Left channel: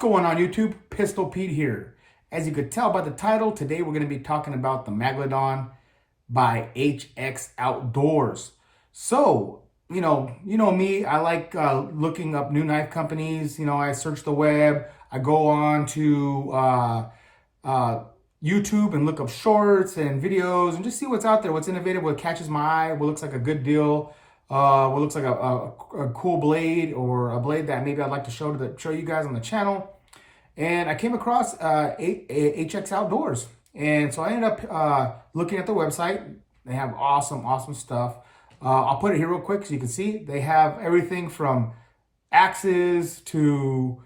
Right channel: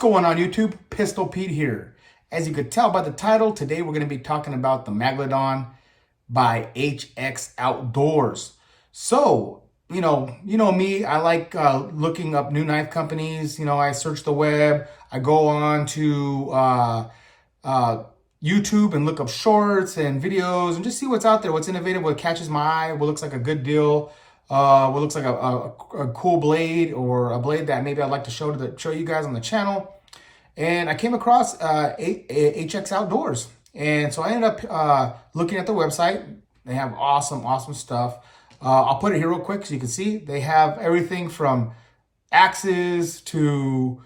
going on YouTube? Pistol Pete here. As you could tell by the title, today we're going to be talking about the Megalodon by HX Outdoors. So, you know me, I like looking up new knife companies. I search the web. I go on to YouTube and look up shorts and videos and just see what's out there, what's innovative, what catches my eye, what looks like a good deal, what looks like a cool blade or a blade that maybe I'd like to show you guys on the channel. And I came across HX Outdoors. And so I ended up looking at the website. They have awesome stuff. I'll put it here real quick so you can see. They have everything from axes to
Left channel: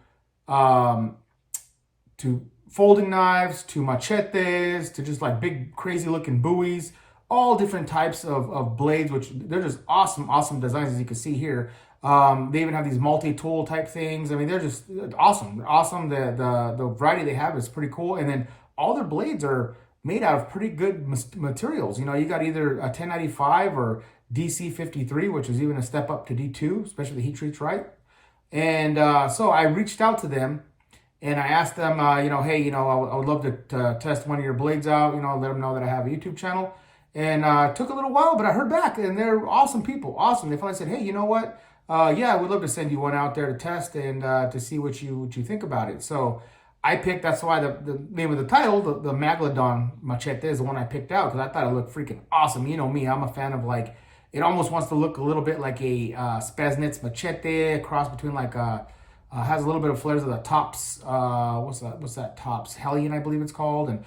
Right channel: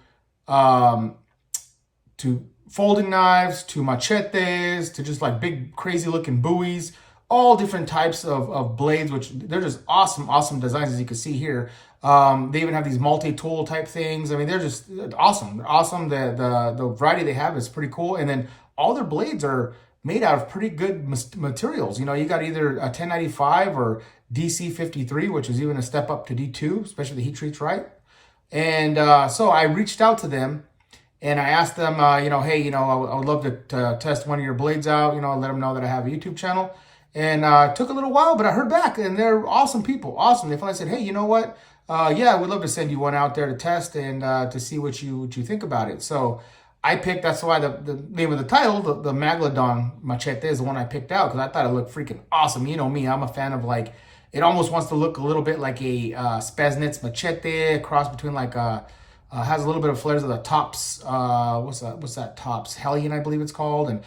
folding knives, to machetes, to just like big crazy looking buoys, all different types of blades, which they're just awesome designs, as you can see here. They even have these multi-tool type things. I mean, they're just awesome. They're awesome. The variety they have is pretty cool. And then all their blades are made out of pretty good materials. You got either a 1095 or DC53, which is even a step up to D2, especially the heat treats right. And so I reached out to them and I asked them, hey, I would love to test one of your blades out, let them know that I have a YouTube channel. And it took a little while, but I heard back, and they're awesome people, awesome. They finally said, hey, you know what? Yeah, we'd love to send you one out there to test and to see what you think about it. So I picked, that's why the name of the title, the Megalodon Machete, is the one I picked out, because I thought it looked freaking awesome. You know me, I'm a fan of like, it almost wants to look a little bit like a Spaznitz Machete, a cross between like has a little bit of flares of the Tops, what's that Tops Hellion, I believe it's called, and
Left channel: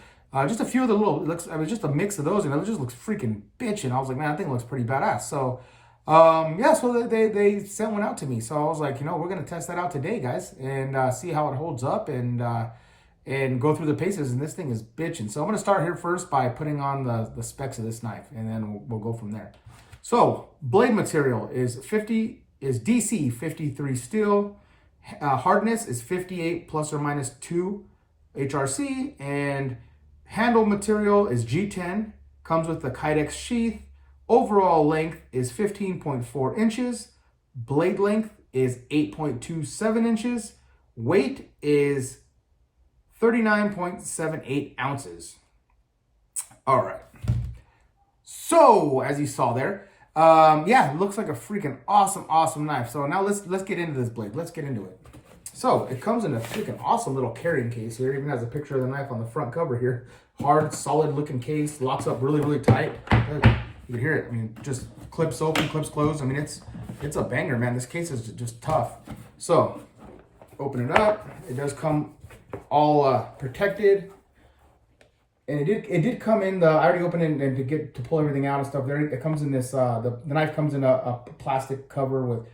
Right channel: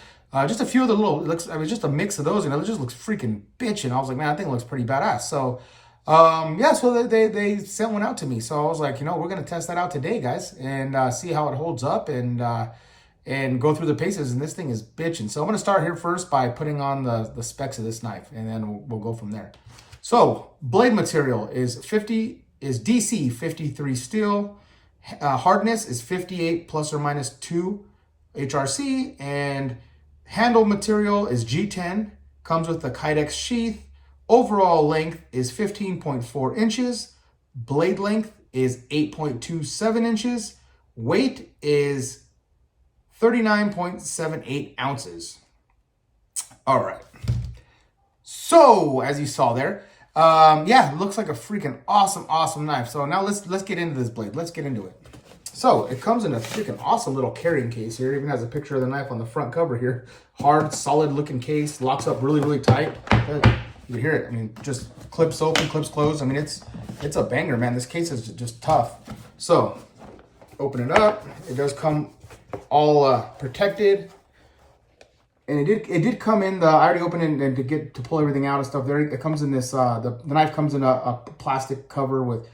just a few of the little, it was just a mix of those, and it just looks freaking bitchin'. I was like, man, I think it looks pretty badass. So yeah, so they sent one out to me. So I was like, we're gonna test that out today, guys, and see how it holds up, and go through the paces. And this thing is bitchin'. So I'm gonna start here first by putting on the specs of this knife, and then we'll go from there. So blade material is DC 53 steel. Hardness is 58 plus or minus 2 HRC, and handle material is G10. Comes with the Kydex sheath. Overall length is 15.4 inches. Blade length is 8.27 inches. Weight is 39.78 ounces. All right. So, as you saw there, yeah, it looks like a freaking awesome knife. So now let's get into this blade. Let's get into it. So it comes in a freaking awesome little carrying case here. It even has a picture of the knife on the front cover here. Hard, solid looking case. Locks up really tight. You can hear it. I mean, just clips open, clips closed. I mean, it's a banger, man. This case is just tough. So open it up. It does come all protected. And it did come in I already opened it, and to pull everything out and stuff there, it comes in this, the knife comes in a plastic cover with,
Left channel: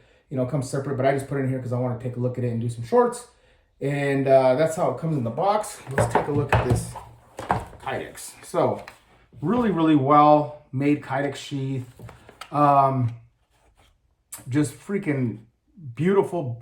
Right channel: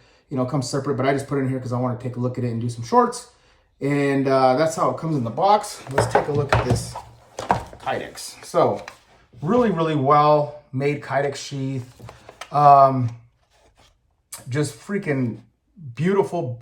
comes separate, but I just put it in here because I want to take a look at it and do some shorts. And that's how it comes in the box. Let's take a look at this Kydex. So really well made Kydex sheath. Just freaking beautiful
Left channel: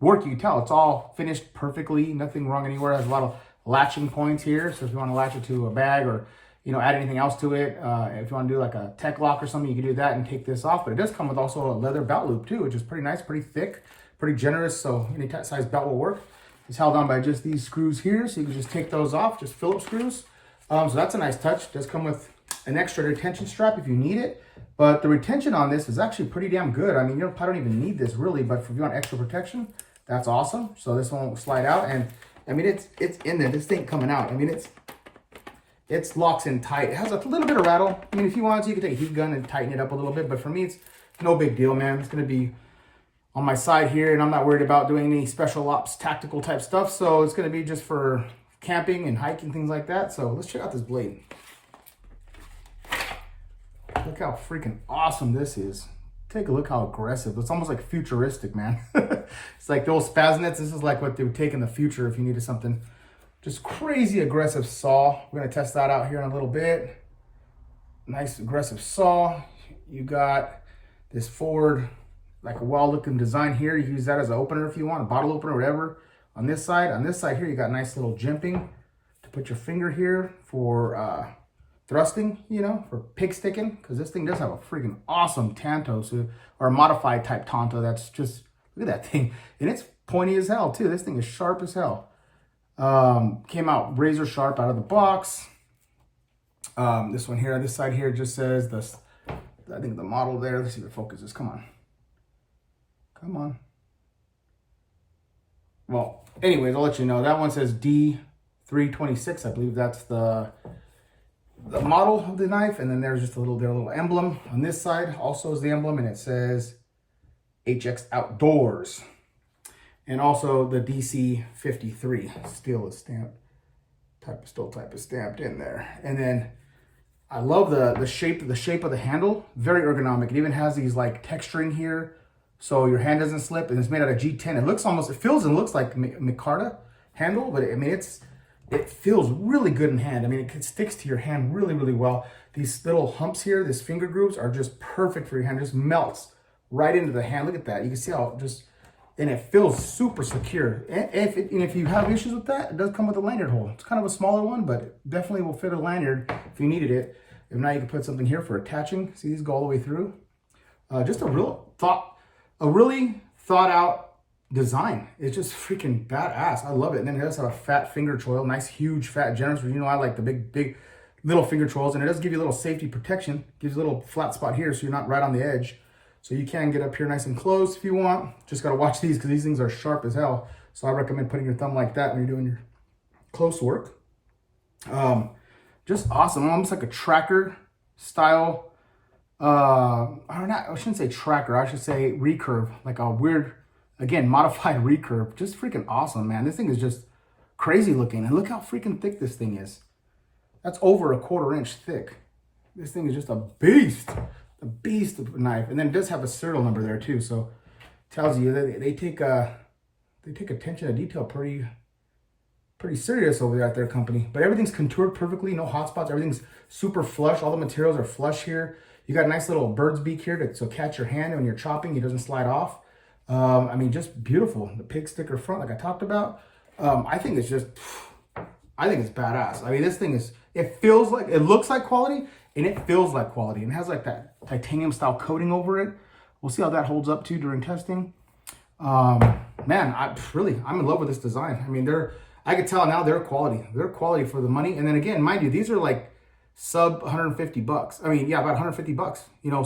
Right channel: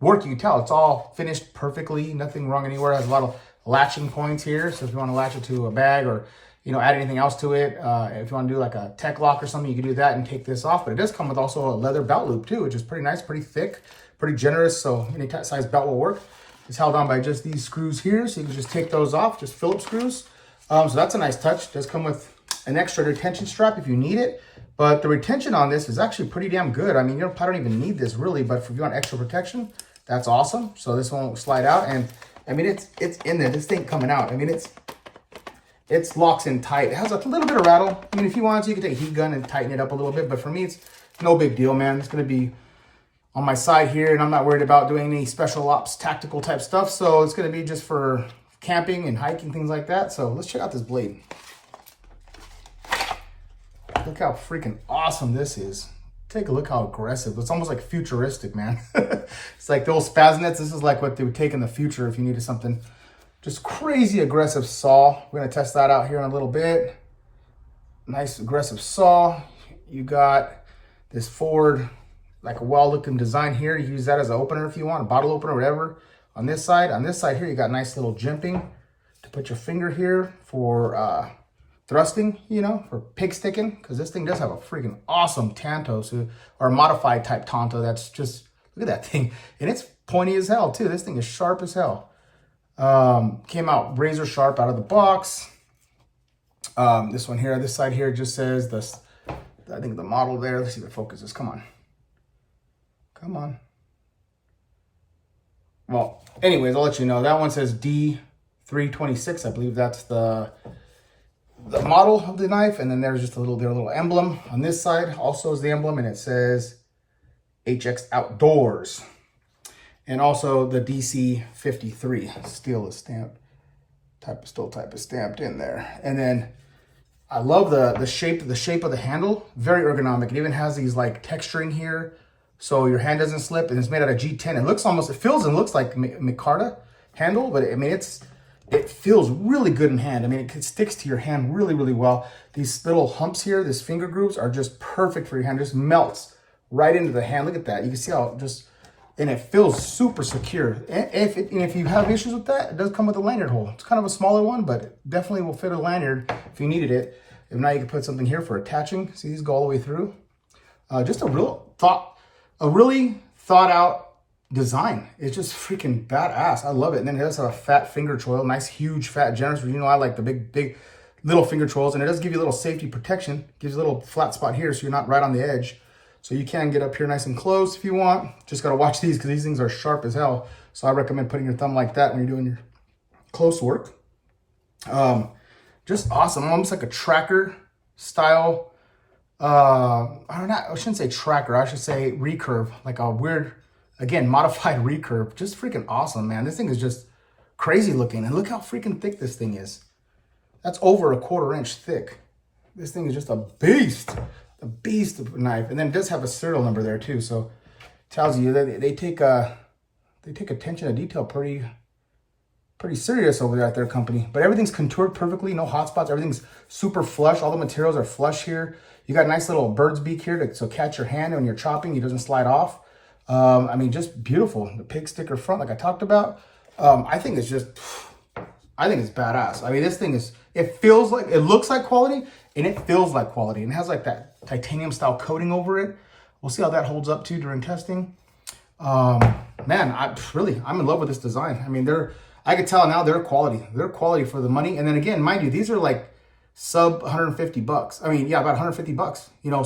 work. You can tell it's all finished perfectly, nothing wrong anywhere. It has a lot of latching points here, so if you want to latch it to a bag or add anything else to it, if you want to do like a tech lock or something, you can do that and take this off. But it does come with also a leather belt loop too, which is pretty nice, pretty thick, pretty generous, so any size belt will work. It's held on by just these screws here, so you can just take those off, just Phillips screws. So that's a nice touch. It does come with an extra retention strap if you need it, but the retention on this is actually pretty damn good. I mean, I don't even need this really, but if you want extra protection, that's awesome. So this won't slide out, and I mean, it's in there. This thing coming out. I mean, it's locks in tight. It has a little bit of rattle. I mean, if you want to, you can take a heat gun and tighten it up a little bit. But for me, it's no big deal, man. It's going to be on my side here, and I'm not worried about doing any special ops, tactical type stuff. So it's going to be just for camping and hiking, things like that. So let's check out this blade. Look how freaking awesome this is. Take a look how aggressive. It's almost like futuristic, man. It's like the old Spaznitz. This is like what they would take in the future if you needed something just crazy aggressive saw. We're gonna test that out here in a little bit. Nice aggressive saw. You got this forward, like a well-looking design here. You can use that as an opener if you want, a bottle opener, whatever. On this side here, you got nice little jimping to put your finger here for thrusting, for pig sticking, because this thing does have a freaking awesome tanto, or a modified type tanto. That's just, look at that thing. And it's pointy as hell too. This thing is sharp as hell. Came out razor sharp out of the box. This one here, this side here just says this. I think the model there. Let's see if it focuses. Come on. Come on. Well, anyways, I'll let you know. That one says D326. I believe that's the model of the knife. And then there's just their little emblem on this side. Also is the emblem, and it says HX Outdoors. And also the DC53 still is stamped. Type is stamped in there. And then I love the shape of the handle. Very ergonomic. It even has these like texturing here, so your hand doesn't slip. And it's made out of G10. It feels and looks like micarta handle, but I mean it feels really good in hand. I mean, it sticks to your hand really, really well. These little humps here, these finger grooves, are just perfect for your hand. It just melts right into the hand. Look at that. You can see how it just, and it feels super secure. And if you have issues with that, it does come with a lanyard hole. It's kind of a smaller one, but it definitely will fit a lanyard if you needed it. If not, you can put something here for attaching. See, these go all the way through. Just a really thought out design. It's just freaking badass. I love it. And then it does have a fat finger choil, nice, huge, fat, generous. You know, I like the big little finger choils, and it does give you a little safety protection. Gives you a little flat spot here, so you're not right on the edge. So you can get up here nice and close if you want. Just got to watch these because these things are sharp as hell. So I recommend putting your thumb like that when you're doing your close work. Just awesome. Almost like a tracker style. I shouldn't say tracker. I should say recurve. Like a weird, again, modified recurve. Just freaking awesome, man. This thing is just crazy looking. And look how freaking thick this thing is. That's over 1/4 inch thick. This thing is just a beast. A beast of a knife. And then it does have a serial number there too, so it tells you that they take attention to detail pretty serious over there at their company. But everything's contoured perfectly, no hot spots. Everything's super flush. All the materials are flush here. You got a nice little bird's beak here to catch your hand when you're chopping. It doesn't slide off. I mean, just beautiful. The pig sticker front, like I talked about. I think it's badass. I mean, this thing is, it looks like quality, and it feels like quality. And it has like that titanium style coating over it. We'll see how that holds up too during testing. Man, I'm in love with this design. I mean, I could tell now they're quality. They're quality for the money. And then again, mind you, these are like sub $150. I mean, yeah, about $150. You know,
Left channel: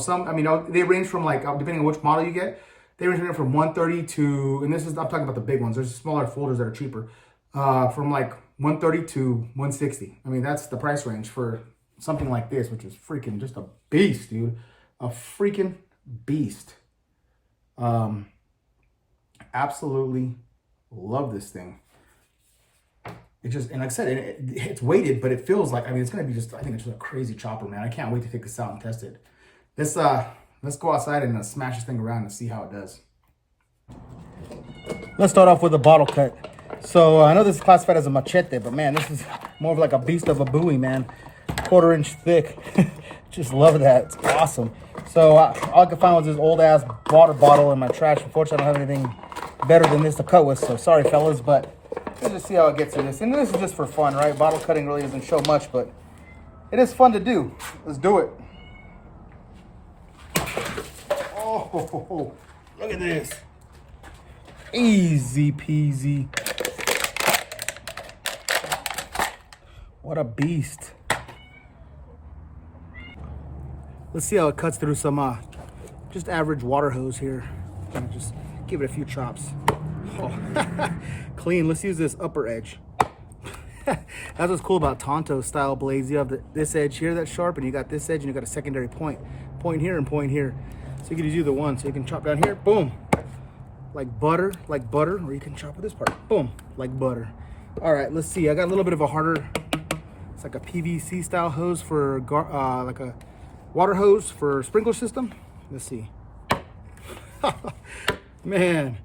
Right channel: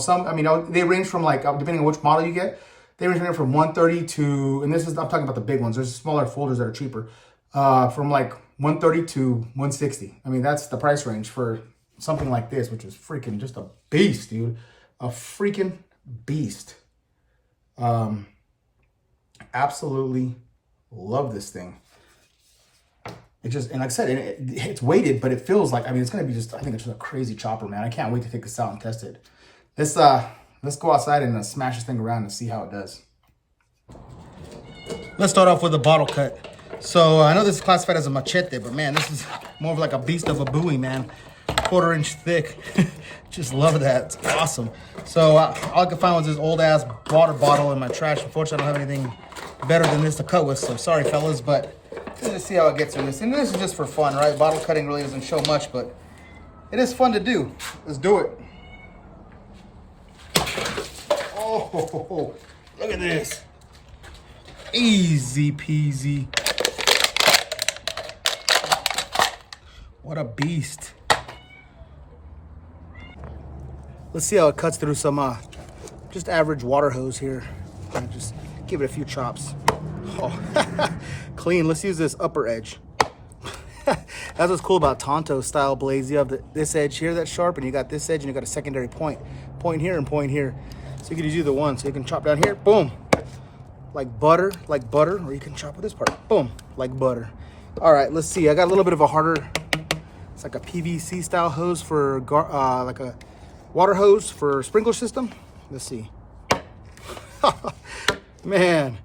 they range from like, depending on which model you get, they range from 130 to, and I'm talking about the big ones. There's smaller folders that are cheaper, from like 130 to 160. I mean, that's the price range for something like this, which is freaking just a beast, dude. A freaking beast. Absolutely love this thing. And like I said, it's weighted, but it feels like, I mean, it's going to be I think it's just a crazy chopper, man. I can't wait to take this out and test it. Let's go outside and smash this thing around and see how it does. Let's start off with a bottle cut. So I know this is classified as a machete, but man, this is more of like a beast of a buoy, man. 1/4 inch thick. Just love that. It's awesome. So all I could find was this old ass water bottle in my trash. Unfortunately, I don't have anything better than this to cut with. So sorry, fellas, but let's just see how it gets through this. And this is just for fun, right? Bottle cutting really doesn't show much, but it is fun to do. Let's do it. Oh, look at this. Easy peasy. What a beast. Let's see how it cuts through some just average water hose here. Just give it a few chops. Oh, clean. Let's use this upper edge. That's what's cool about Tonto style blades. You have this edge here that's sharp, and you got this edge, and you got a secondary point here and point here. So you can just do the one. So you can chop down here, boom, like butter, or you can chop with this part, boom, like butter. All right, let's see. I got a little bit of a harder, it's like a PVC style hose for like a water hose for sprinkler system. Let's see. Man,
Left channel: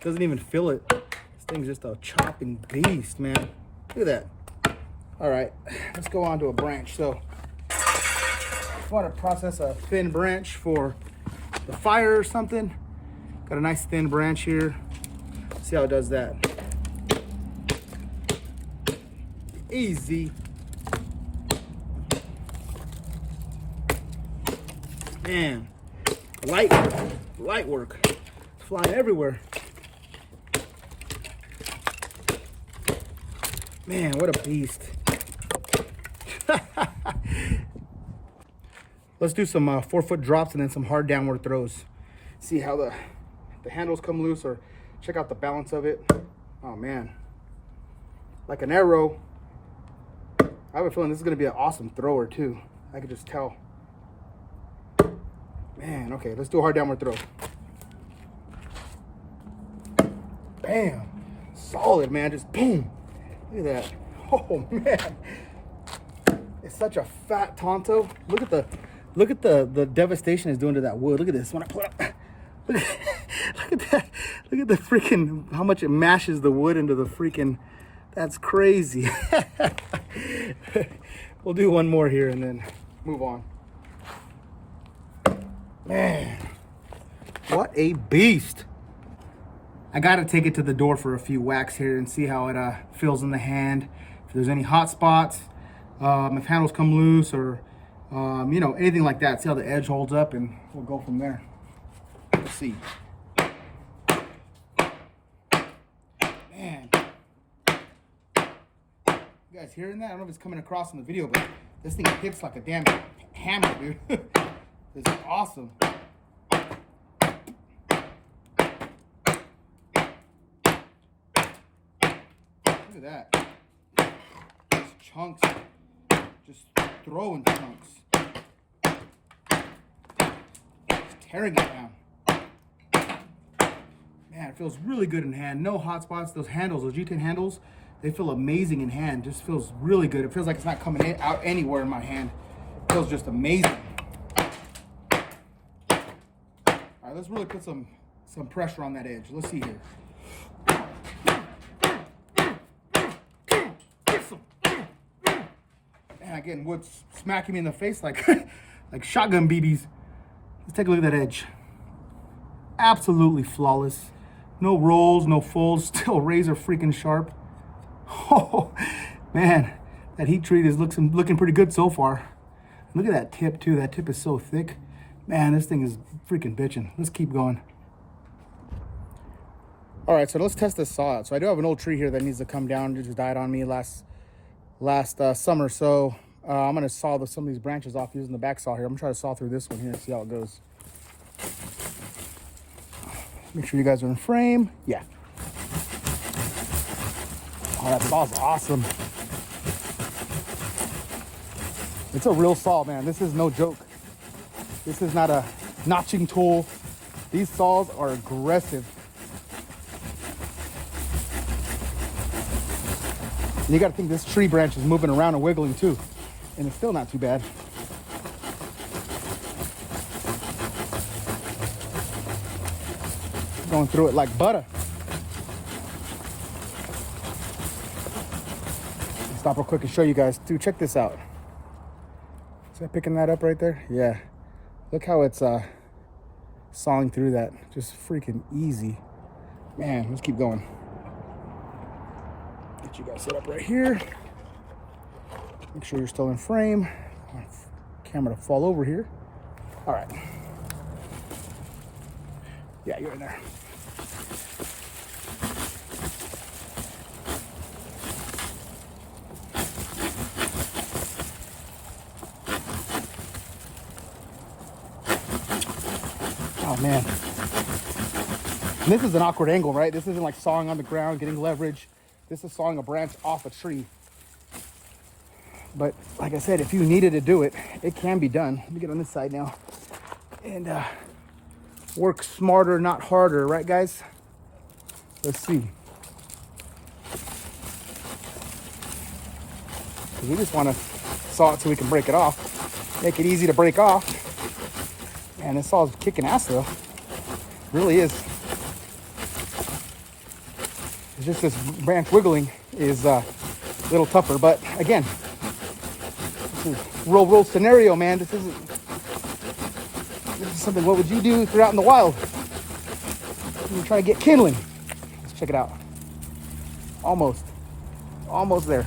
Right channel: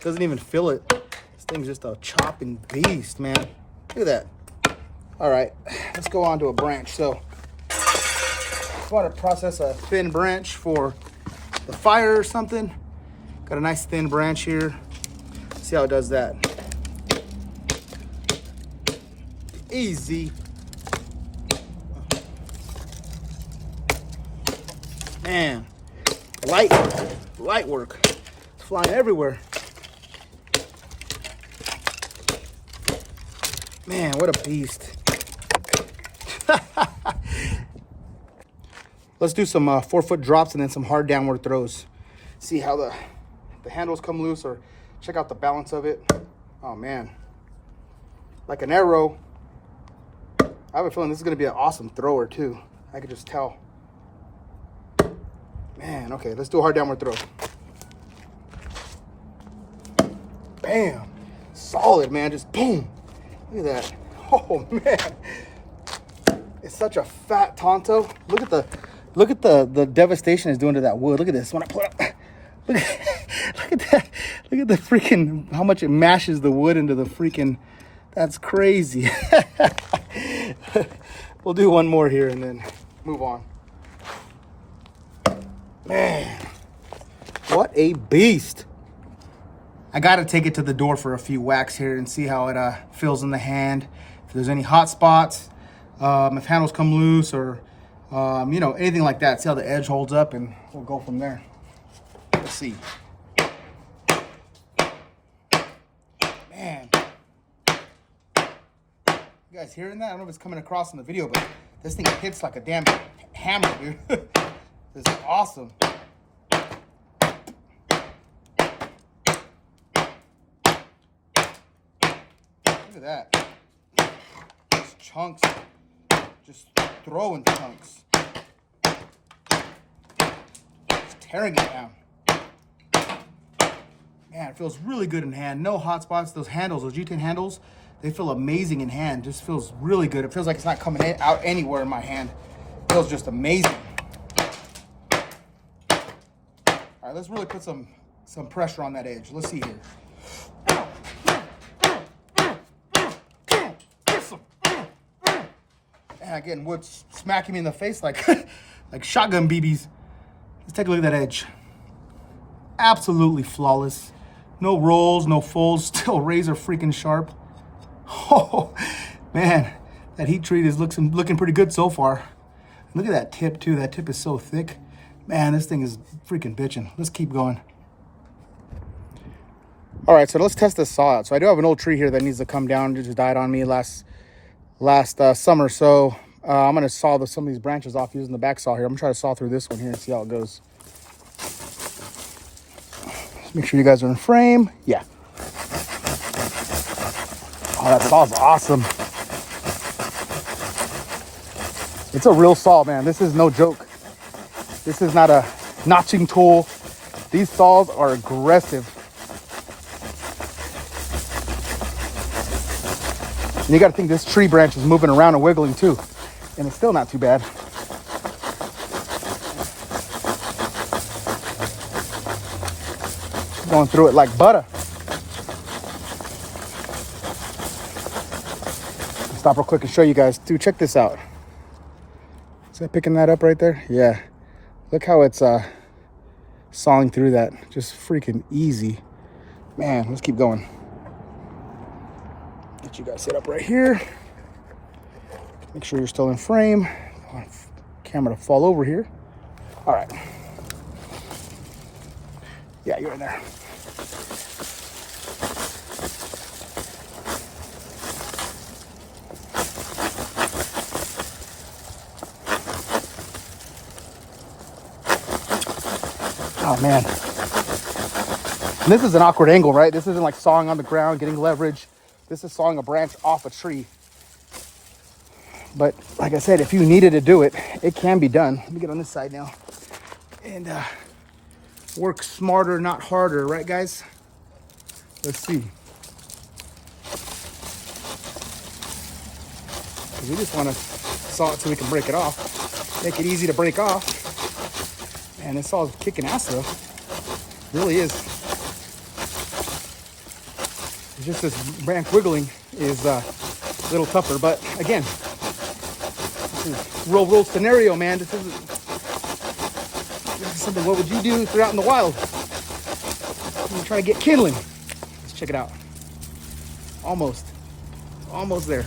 doesn't even feel it. This thing's just a chopping beast, man. Look at that. All right, let's go on to a branch. So I want to process a thin branch for the fire or something. Got a nice thin branch here. See how it does that. Easy. Man, light work. It's flying everywhere. Man, what a beast. Let's do some 4-foot drops and then some hard downward throws. See how the handles come loose, or check out the balance of it. Oh man, like an arrow. I have a feeling this is going to be an awesome thrower too. I could just tell. Man, okay, let's do a hard downward throw. Bam. Solid, man. Just boom. Look at that. Oh man. It's such a fat Tonto. Look at the devastation it's doing to that wood. Look at this. When I put up, look at that. Look at the freaking, how much it mashes the wood into the freaking, that's crazy. We'll do one more here and then move on. Man, what a beast. I gotta take it to the door for a few whacks here and see how it feels in the hand. If there's any hot spots, if handles come loose, or you know, anything like that. See how the edge holds up, and we'll go from there. Let's see. Man, you guys hearing that? I don't know if it's coming across in the video, but this thing hits like a damn hammer, dude. This is awesome. Look at that. Just chunks. Just throwing chunks. Just tearing it down. Man, it feels really good in hand. No hot spots. Those handles, those G10 handles, they feel amazing in hand. Just feels really good. It feels like it's not coming out anywhere in my hand. It feels just amazing. All right, let's really put some pressure on that edge. Let's see here. And again, wood's smacking me in the face like like shotgun BBs. Let's take a look at that edge. Absolutely flawless. No rolls, no folds, still razor freaking sharp. Oh man, that heat treat is looking pretty good so far. Look at that tip too. That tip is so thick. Man, this thing is freaking bitching. Let's keep going. All right, so let's test this saw out. So I do have an old tree here that needs to come down. It just died on me last summer. So I'm gonna saw some of these branches off using the back saw here. I'm gonna try to saw through this one here and see how it goes. Just make sure you guys are in frame. Yeah. Oh, that saw's awesome. It's a real saw, man. This is no joke. This is not a notching tool. These saws are aggressive. And you gotta think this tree branch is moving around and wiggling too. And it's still not too bad. Going through it like butter. Stop real quick and show you guys. Dude, check this out. Is that picking that up right there? Yeah. Look how it's sawing through that. Just freaking easy. Man, let's keep going. Get you guys set up right here. Make sure you're still in frame. I want the camera to fall over here. All right. Yeah, you're in there. Oh man. And this is an awkward angle, right? This isn't like sawing on the ground, getting leverage. This is sawing a branch off a tree. But like I said, if you needed to do it, it can be done. Let me get on this side now. And work smarter, not harder, right guys? Let's see. Because we just want to saw it so we can break it off. Make it easy to break off. And this saw's kicking ass though. It really is. It's just this branch wiggling is a little tougher. But again, this is real scenario, man. This is something, what would you do if you're out in the wild? You try to get kindling. Let's check it out. Almost there.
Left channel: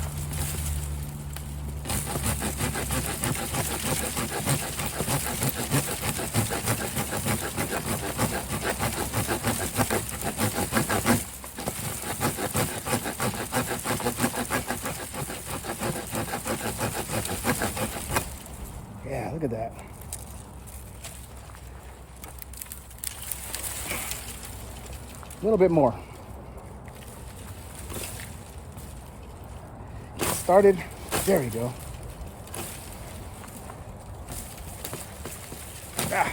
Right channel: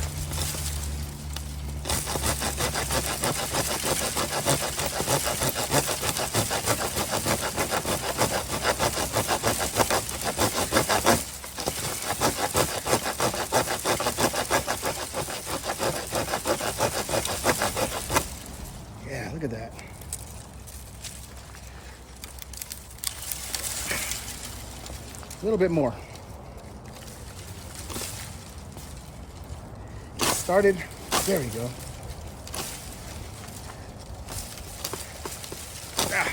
at that. A little bit more. Started. There we go. Ah,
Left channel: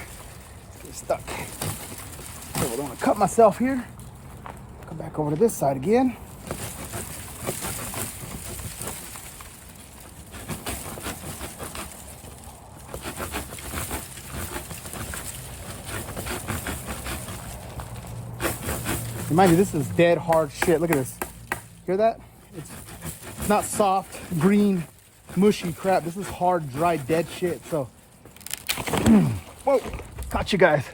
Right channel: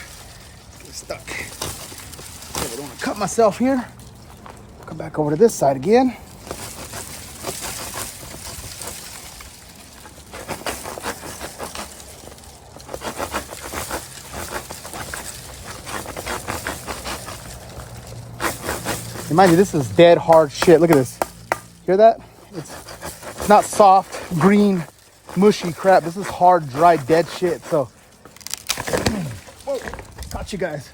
it's stuck. Okay, I don't want to cut myself here. Come back over to this side again. Mind you, this is dead hard shit. Look at this. Hear that? It's not soft, green, mushy crap. This is hard, dry, dead shit. So, whoa, got you guys.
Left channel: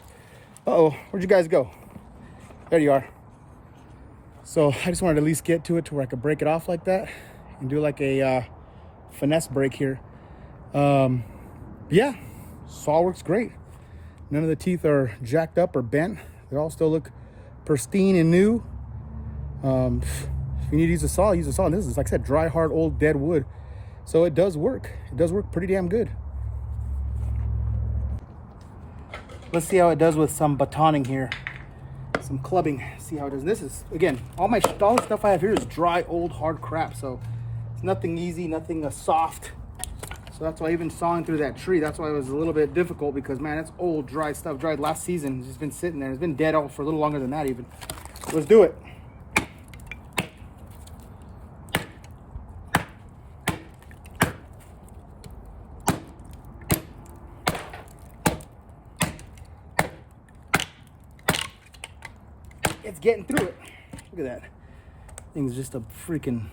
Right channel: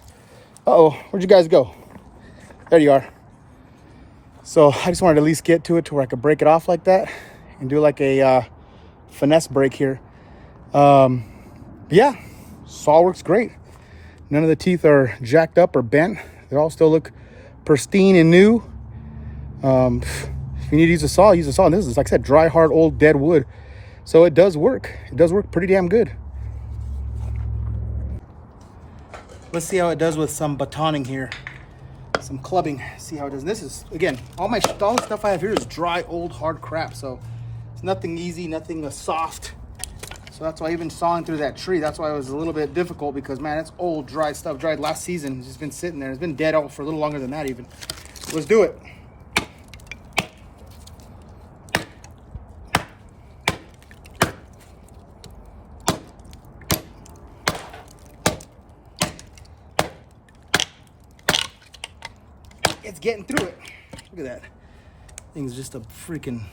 Uh-oh, where'd you guys go? There you are. So I just wanted to at least get to it to where I could break it off like that and do like a finesse break here. Yeah, saw works great. None of the teeth are jacked up or bent. They all still look pristine and new. If you need to use a saw, use a saw. And this is, like I said, dry, hard, old, dead wood. So it does work. It does work pretty damn good. Let's see how it does with some batoning here. Some clubbing. See how it does. This is, again, all the stuff I have here is dry, old, hard crap. So it's nothing easy, nothing soft. So that's why even sawing through that tree, that's why it was a little bit difficult, because man, it's old, dry stuff. Dried last season. It's just been sitting there. It's been dead out for a little longer than that even. Let's do it. It's getting through it. Look at that. Thing's just a freaking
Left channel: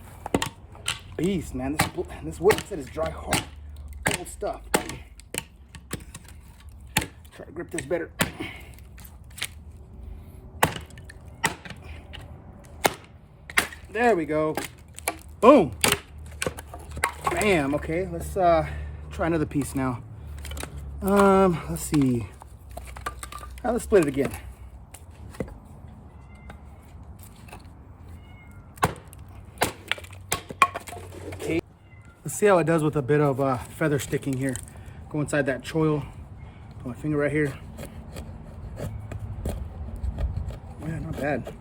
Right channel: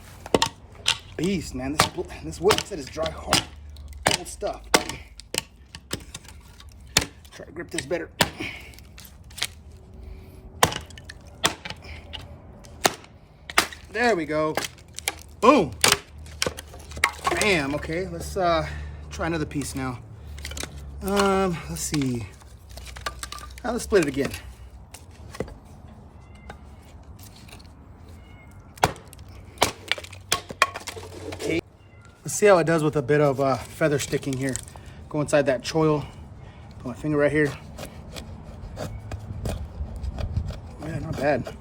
beast, man. This wood, like I said, is dry, hard, old stuff. Try to grip this better. There we go. Boom. Bam. Okay, let's try another piece now. Let's see. Now let's split it again. Okay. Let's see how it does with a bit of feather sticking here. Go inside that choil. Put my finger right here. Yeah, not bad.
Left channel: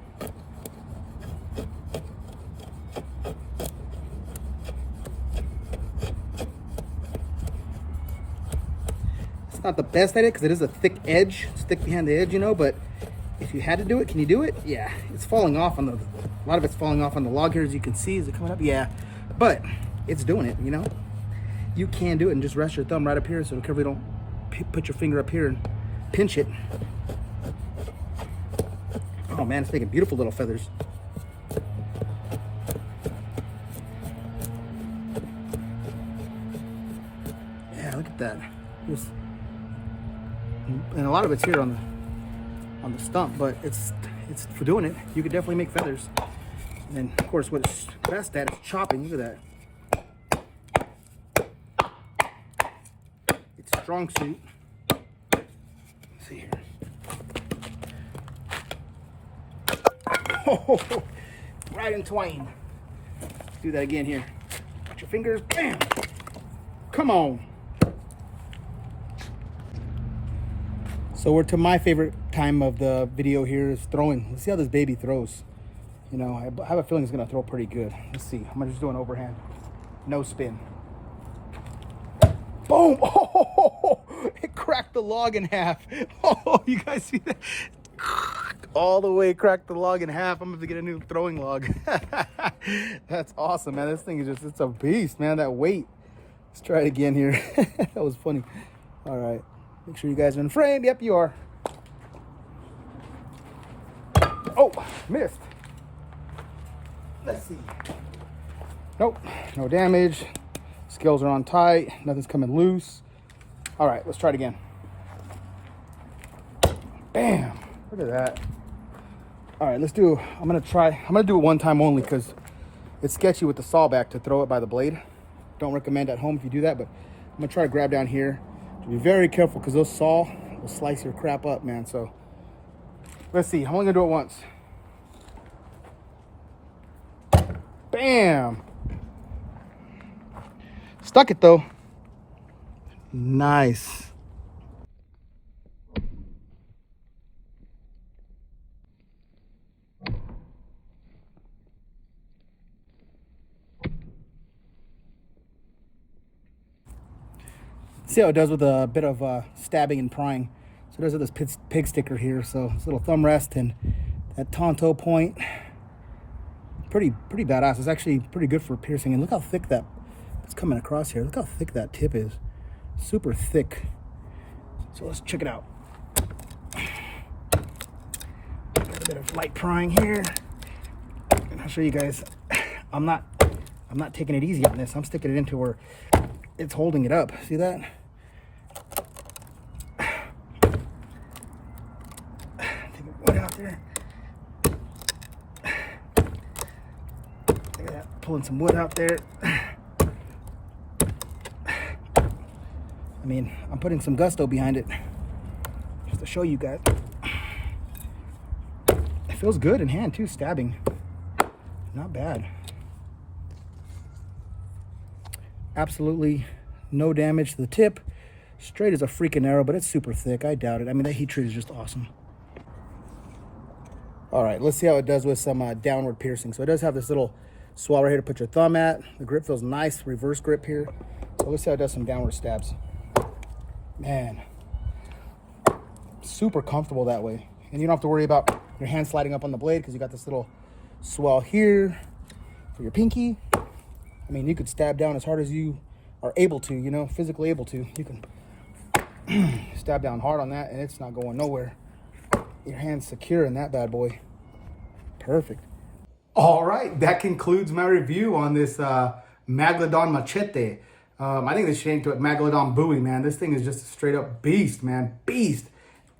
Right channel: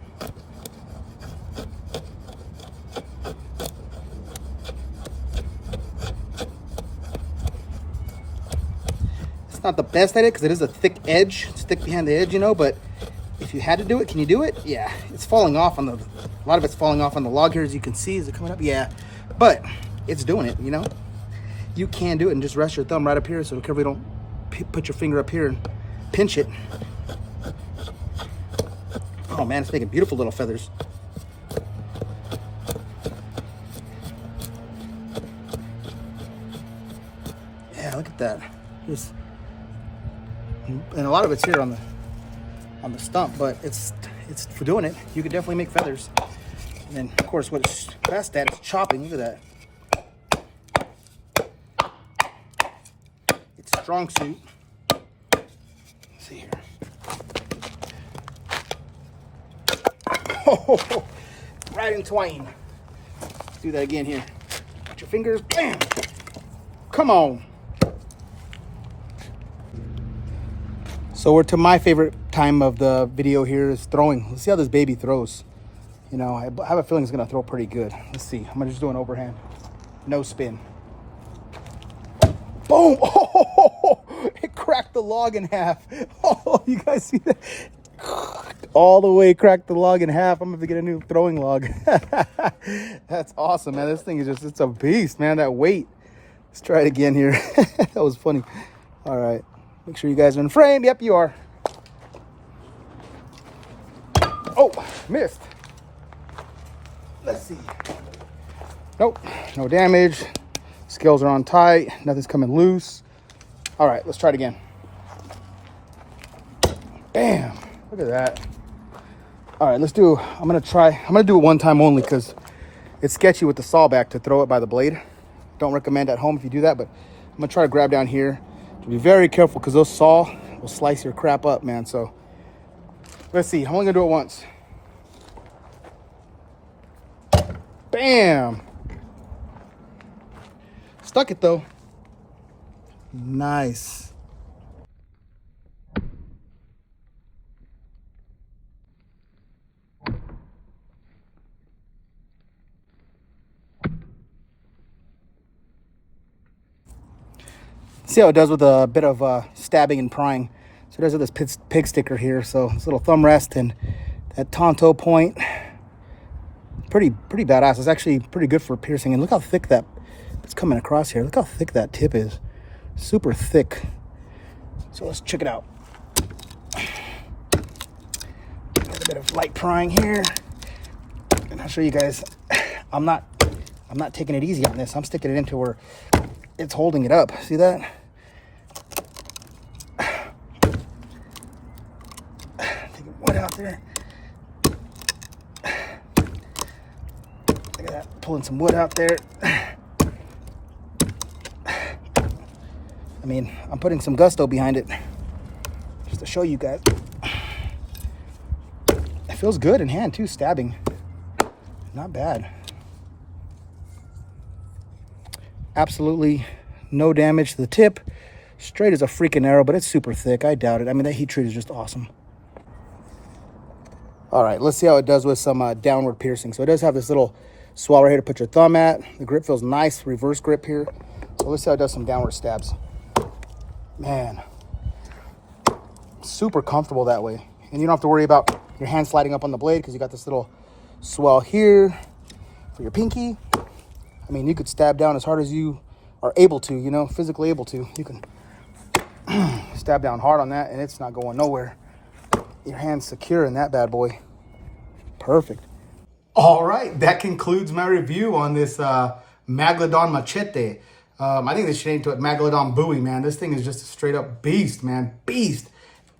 It's not the best at it because it is a thick edge. It's thick behind the edge, you know, but if you had to do it, can you do it? Yeah, it's falling off on a lot of it's falling off on the log here, as you can see. Is it coming up? Yeah, but it's doing it, you know. You can do it and just rest your thumb right up here, so carefully don't put your finger up here and pinch it. Oh man, it's making beautiful little feathers. Yeah, look at that. And a lot of it's here on the stump, but it's for doing it. You could definitely make feathers. And then, of course, what it's best at is chopping. Look at that. It's strong suit. Let's see here. Oh, right in twain. Do that again here. Watch your fingers. Bam. Come on. So we're to my favorite time of the video here is throwing. Let's see how this baby throws. You know, I have a feeling it's gonna throw pretty good. Let's see. I'm gonna just do an overhand. No spin. Boom! Oh, it cracked the log in half. Oh, you guys see that? All the way cracked the log in half. I'm gonna have to get a new throwing log. That's awesome, man. This thing is just, it's a beast, man. That weight. Let's try it again here. That was funny. All right. Make sure you guys are in frame. Yep, you are. Oh, missed. Let's see. Nope, no damage. Scales are on tight. Nothing's coming loose. All right, let's try it again. Bam. Look at that. All right, let's do, I'm gonna do it one time only because it's sketchy with the saw back to throw it by the blade. Don't recommend at home if you do that, but I'm gonna try to grab down here. Be very careful because those saw will slice your crap up, man. So let's see. I'm only gonna do it once. Bam. Stuck it though. Nice. See how it does with a bit of stabbing and prying. So it does with this pig sticker here. So this little thumb rest and that Tonto point, pretty badass. It's actually pretty good for piercing. And look how thick that's coming across here. Look how thick that tip is. Super thick. So let's check it out. A little bit of light prying here, and I'll show you guys. I'm not taking it easy on this. I'm sticking it into where it's holding it up. See that? Taking wood out there. Look at that. Pulling some wood out there. I mean, I'm putting some gusto behind it just to show you guys. It feels good in hand too, stabbing. Not bad. Absolutely no damage to the tip. Straight as a freaking arrow, but it's super thick. I doubt it. I mean, that heat treat is just awesome. All right, let's see how it does with some downward piercing. So it does have this little swell right here to put your thumb at. The grip feels nice, reverse grip here. So let's see how it does some downward stabs. Man, super comfortable that way. And you don't have to worry about your hand sliding up on the blade because you got this little swell here for your pinky. I mean, you could stab down as hard as you are able to, you know, physically able to. You can stab down hard on that and it's not going nowhere. Your hand's secure in that bad boy. Perfect. All right, that concludes my review on this Megalodon Machete. I think they should name to it Megalodon Buoy, man. This thing is just a straight up beast, man. Beast.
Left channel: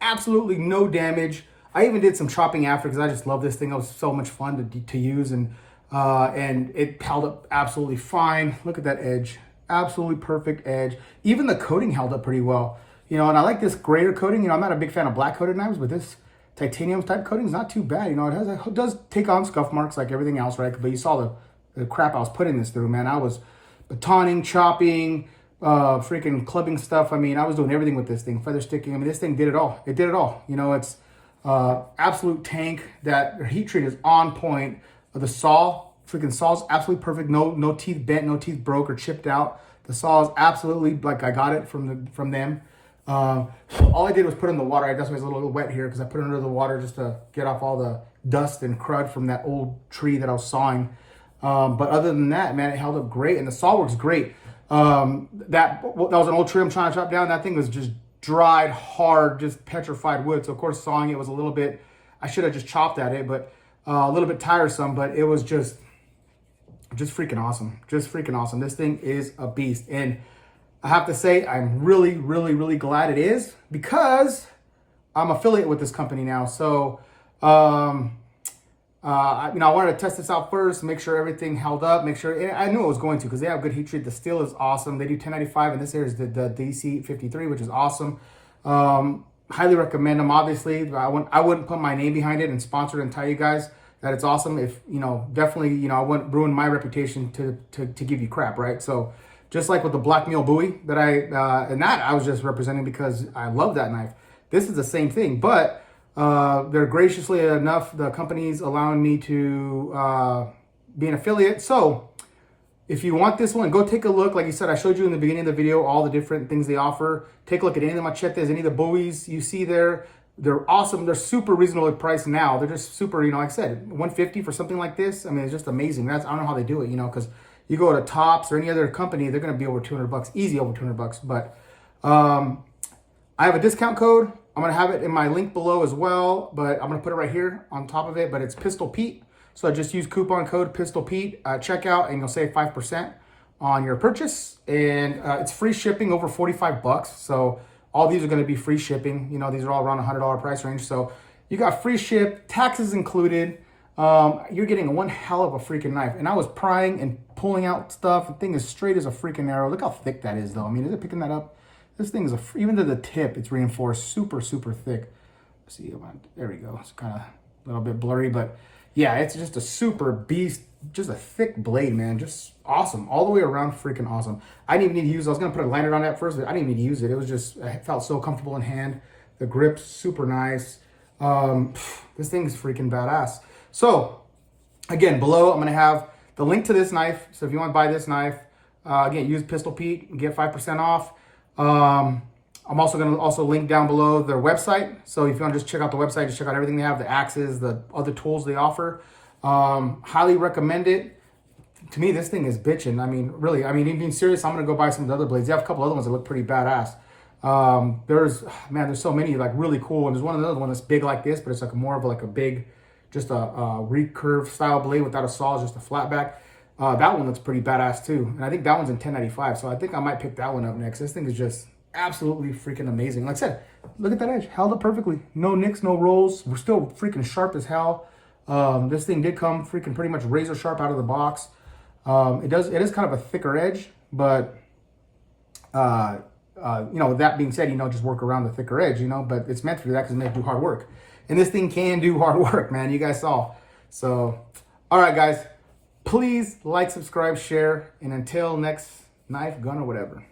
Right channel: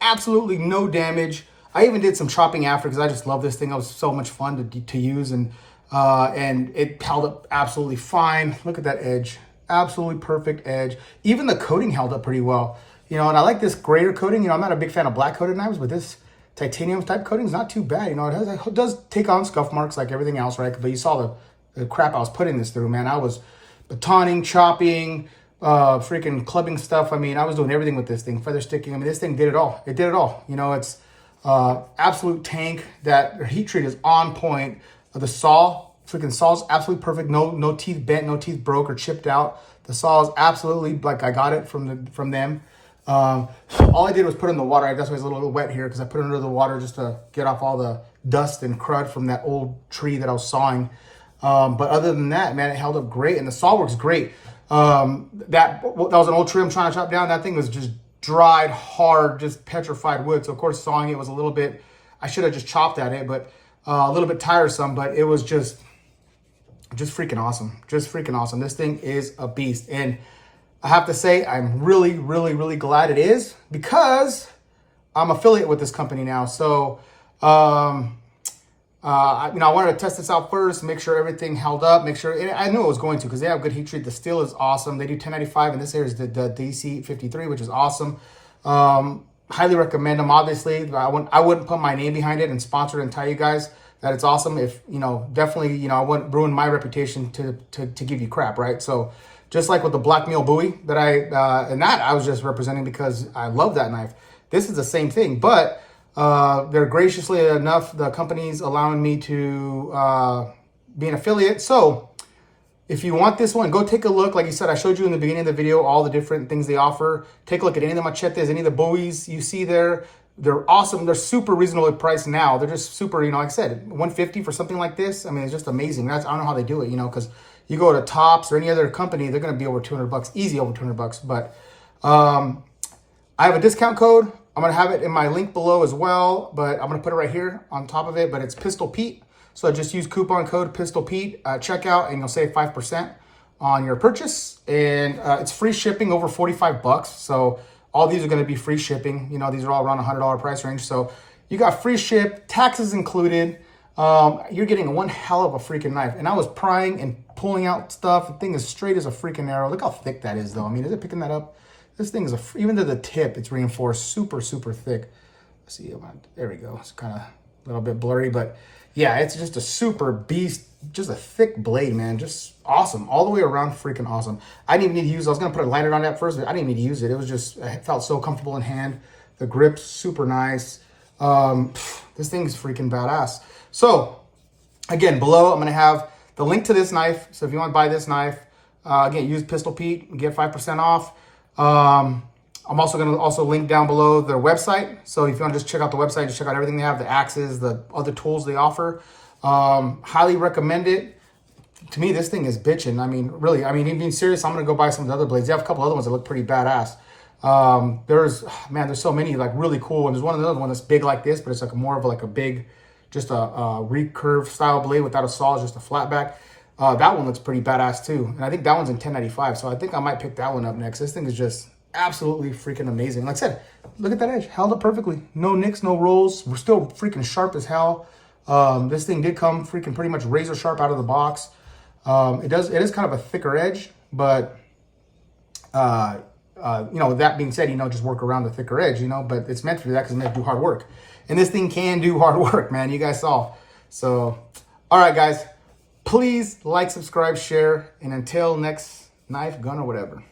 Absolutely no damage. I even did some chopping after because I just love this thing. It was so much fun to use, and it held up absolutely fine. Look at that edge. Absolutely perfect edge. Even the coating held up pretty well. You know, and I like this grayer coating. You know, I'm not a big fan of black coated knives, but this titanium type coating is not too bad. You know, it does take on scuff marks like everything else, right? But you saw the crap I was putting this through, man. I was batoning, chopping, freaking clubbing stuff. I mean, I was doing everything with this thing. Feather sticking. I mean, this thing did it all. It did it all. You know, it's absolute tank. That heat treat is on point. The saw, freaking saw's absolutely perfect. No teeth bent, no teeth broke or chipped out. The saw is absolutely like I got it from them. All I did was put it in the water. That's why it's a little wet here because I put it under the water just to get off all the dust and crud from that old tree that I was sawing. But other than that, man, it held up great, and the saw works great. That was an old tree I'm trying to chop down. That thing was just dried, hard, just petrified wood. So of course, sawing it was a little bit. I should have just chopped at it, but a little bit tiresome. But it was just freaking awesome. Just freaking awesome. This thing is a beast, and I have to say, I'm really, really, really glad it is because I'm affiliate with this company now. So. I wanted to test this out first, make sure everything held up, make sure, I knew it was going to because they have good heat treat. The steel is awesome. They do 1095, and this here is the DC53, which is awesome. Highly recommend them, obviously. I wouldn't put my name behind it and sponsor it and tell you guys that it's awesome. If, you know, definitely, you know, I wouldn't ruin my reputation to give you crap, right? So just like with the Black Meal Buoy that I was just representing because I love that knife. This is the same thing, but they're graciously enough, the company's allowing me to be an affiliate. So if you want this one, go take a look. Like you said, I showed you in the beginning of the video all the different things they offer. Take a look at any of the machetes, any of the buoys you see there. They're awesome. They're super reasonably priced now. They're just super, you know, like I said, $150 for something like this. I mean, it's just amazing. I don't know how they do it, you know, because you go to Tops or any other company, they're going to be over $200, easy over $200. But I have a discount code. I'm going to have it in my link below as well, but I'm going to put it right here on top of it, but it's Pistol Pete. So just use coupon code Pistol Pete at checkout and you'll save 5% on your purchase. And it's free shipping over $45. So all these are going to be free shipping. You know, these are all around $100 price range. So you got free ship, taxes included. You're getting one hell of a freaking knife. And I was prying and pulling out stuff. The thing is straight as a freaking arrow. Look how thick that is though. I mean, is it picking that up? This thing is, even to the tip, it's reinforced super, super thick. Let's see, there we go. It's kind of a little bit blurry, but yeah, it's just a super beast, just a thick blade, man. Just awesome. All the way around, freaking awesome. I didn't even need to use it. I was going to put a liner on that first, but I didn't need to use it. It was just, it felt so comfortable in hand. The grip's super nice. This thing's freaking badass. So, again, below, I'm going to have the link to this knife. So if you want to buy this knife, again, use Pistol Pete, get 5% off. I'm also going to link down below their website. So if you want to just check out the website, just check out everything they have, the axes, the other tools they offer. Highly recommend it. To me, this thing is bitching. I mean, really, I mean, being serious, I'm going to go buy some of the other blades. They have a couple other ones that look pretty badass. There's so many like really cool ones. There's another one that's big like this, but it's like more of like a big, just a recurve style blade without a saw, just a flat back. That one looks pretty badass too. And I think that one's in 1095. So I think I might pick that one up next. This thing is just absolutely freaking amazing. Like I said, look at that edge, held up perfectly. No nicks, no rolls. We're still freaking sharp as hell. This thing did come freaking pretty much razor sharp out of the box. It is kind of a thicker edge, but that being said, just work around the thicker edge, but it's meant to do that because it's meant to do hard work. And this thing can do hard work, man. You guys saw. So, all right, guys, please like, subscribe, share, and until next knife, gun, or whatever.